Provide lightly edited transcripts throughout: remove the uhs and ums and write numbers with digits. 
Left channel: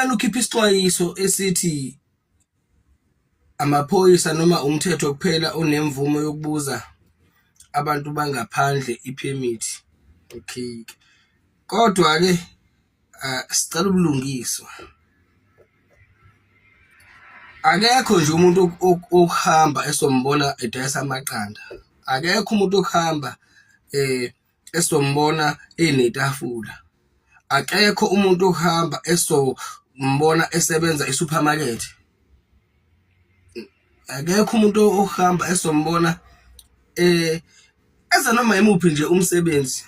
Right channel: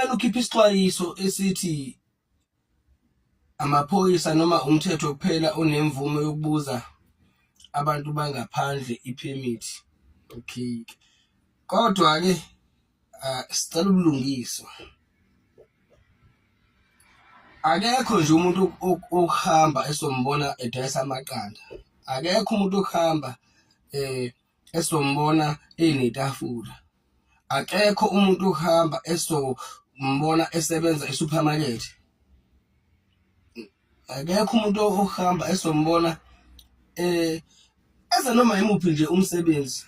uhulumeni ukhipha isixwayiso esithi amaphoyisa noma umthetho kuphela onemvume yokubuza abantu bangaphandle ipermit. Okay, kodwa ke sicela ubulungiswa. Akekho nje umuntu ohamba esombona edayisa amaqanda. Akekho umuntu ohamba esombona enetafula. Akekho umuntu ohamba esombona esebenza esupermarket. Akekho umuntu ohamba esombona eza noma imuphi nje umsebenzi.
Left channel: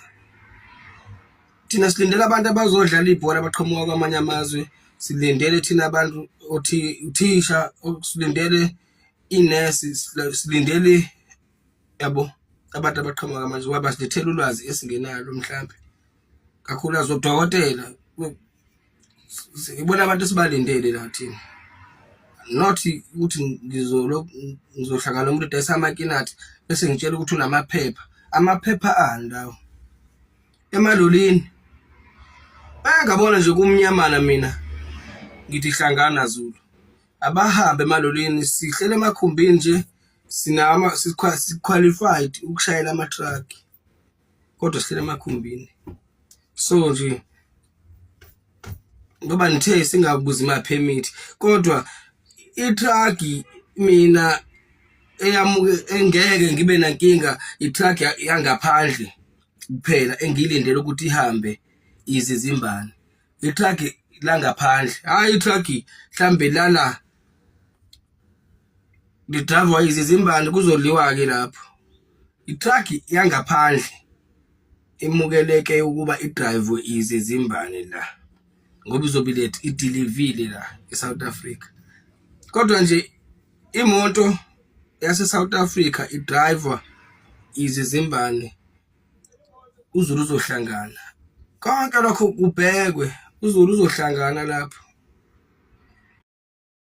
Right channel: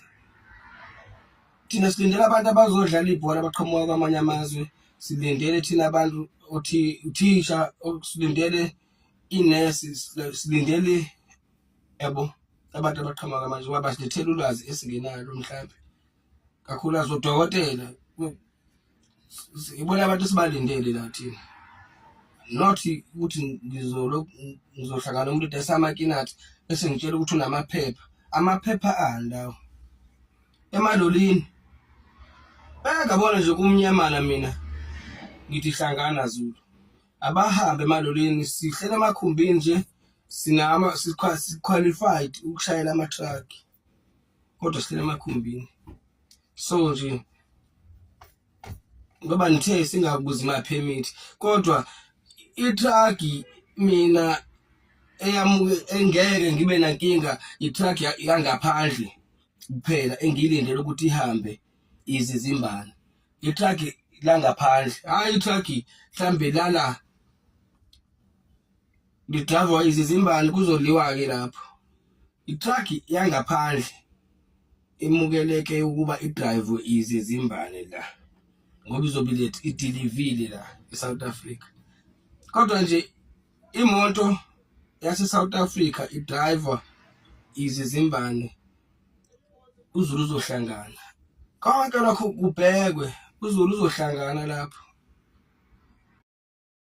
Thina silindele abantu abazodlala ibhola abaqhamuka kwamanye amazwe, silindele thina abantu uthisha, silindele inesi, silindele yabo abantu abaqhamuka kwamanje ngoba basilethela ulwazi esingenalo mhlambe. Kakhulu azodokotela ibona abantu sibalindele la thina. Not ukuthi ngizohlangana nomuntu edayisa amakinathi bese ngitshela ukuthi unamaphepha. Amaphepha ani lawo? Emalolini bayangabona nje kumnyamana mina ngithi hlangana Zulu. Abahambe emalolini, sihlele emakhumbini nje, qualified ukushayela ama-truck kodwa sihlele emakhumbini. So nje ngoba nithe singabuzi ama-permit kodwa i-truck mina engeke ngibe nankinga i-truck yangaphandle kuphela engilindele ukuthi ihambe izizimbane. I-truck langaphandle, hayi i-truck mhlambe lala lidrive izizimbane kuzoliwa ke lapho. I-truck yangaphandle emukeleke ukuba idrive izizimbane la ngoba izobe idilivile la eSouth Africa. Kodwa nje imoto yase South Africa idriver izizimbane uZulu uzohlangana. Konke lokho kubhekwe, uZulu uzohlangana lapho.